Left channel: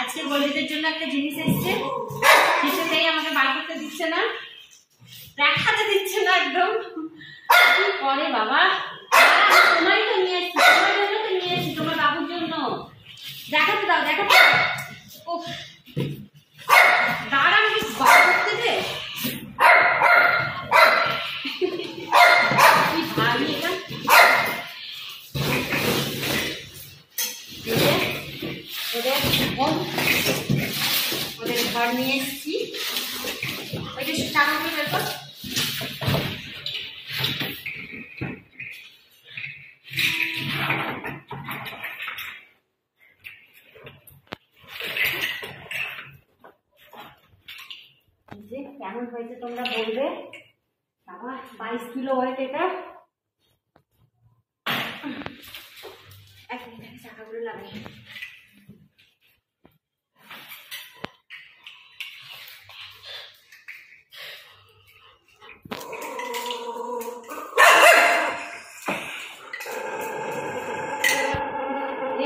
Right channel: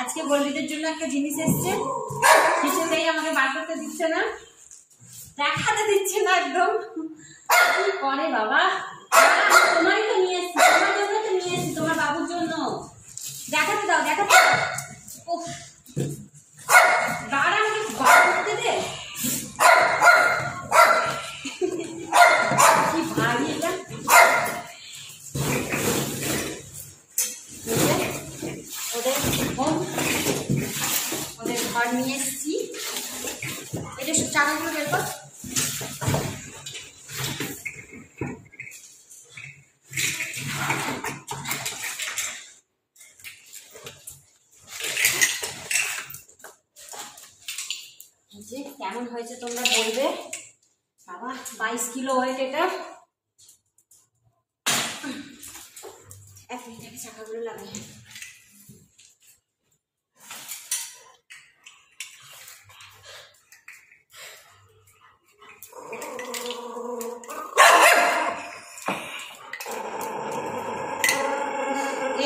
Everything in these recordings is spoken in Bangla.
আজকে গোল্ডিদের জন্য একটা জিনিস এসছে, কিছুতেই আমাকে বার করতে দিচ্ছে না, দেখাতে দিচ্ছে না একদম। কি করে বাবা, তোমারই তো নিয়ে এসছি, তোমার জন্য তো নিয়ে এসছি, তোমার বাবুর জন্য। দেখাতে দাও, দেখাতে দাও। ও দাঁড়া, আমাকে বার করতে দে। কি ভারী এটা। ওদের ঘর নিয়ে এসছি। ওইটা সব চাকাগুলো বের কর। যে কেমন হয়েছে তোমরা বলবে। বাবা 22 কিলো ওয়েট এটা। এক মিনিট আগে চাকাগুলো লাগাই।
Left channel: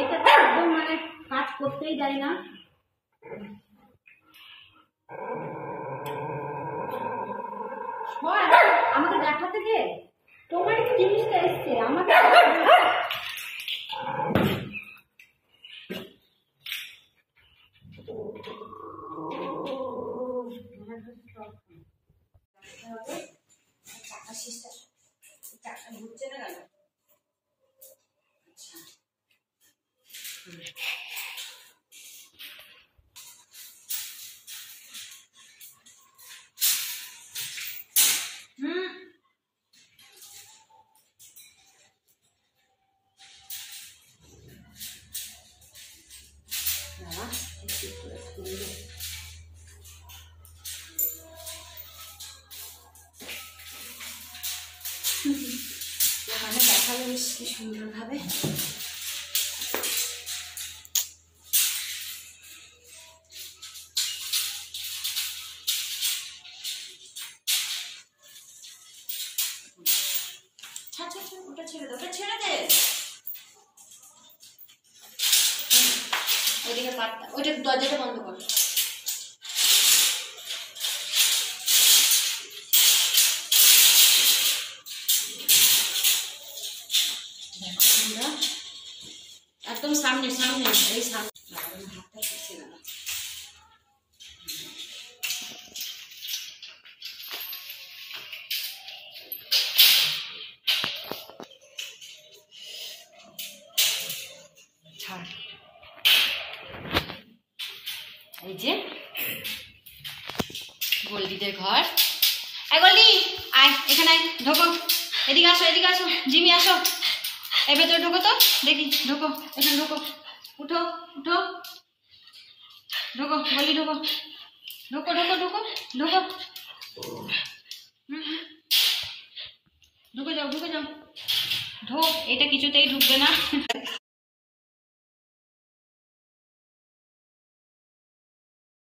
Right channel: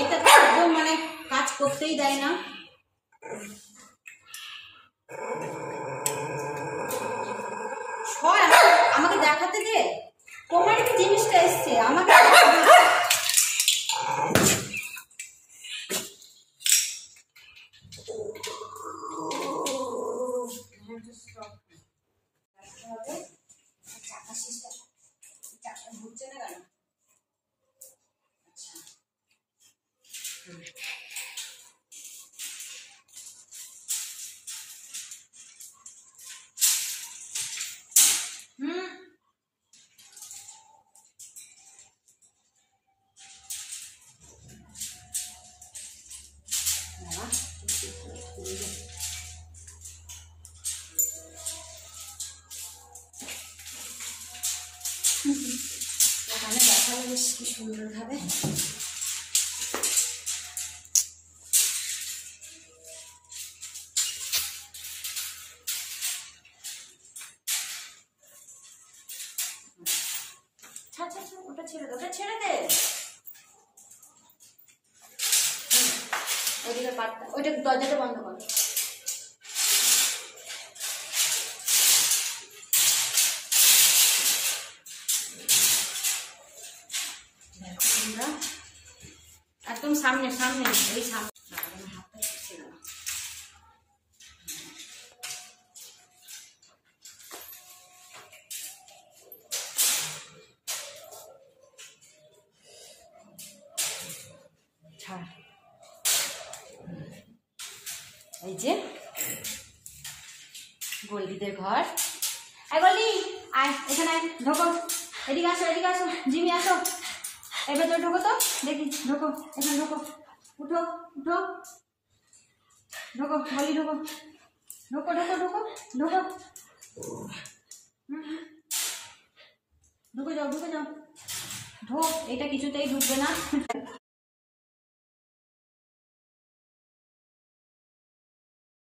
এটা তো একদম মানে কাজ করতেই দেয় না। আমাকে দেখাতে দে, তোমার কি জিনিসটা এসছে আমাকে। চাকা সিস্টেম, চাকা ঘুরছে না কেন? আচ্ছা ওখানে দেখালে বেশ কি সুন্দর ভাবে। ওটা ছেড়ে দে, ওটা ছেড়ে দে। ওইদিকে পাটটা, ওইটা দরজাটা বন্ধ কর। একদম সামনে সামনে, এই সামনে। হাতটা শুকিয়ে গেল। এই যে গোল্ডিদের ঘর। আয় গোল্ডি, আয় এখানে আয়, ঢোকো, এদিকে আসো, এদিকে আসো, জিমি আসো, এ ভেতরে ঢোকো তো দেখি, ঢোকো, এখানে ঢোকো, উঠো উঠো, ঢোকো গোল্ডি, ঢোকো ঢোকো ঢোকো ঢোকো ঢোকো, ঢুকে যাও, ঢুকে যাও, ঢোক। এটা কিছুতেই ঢুকবে না।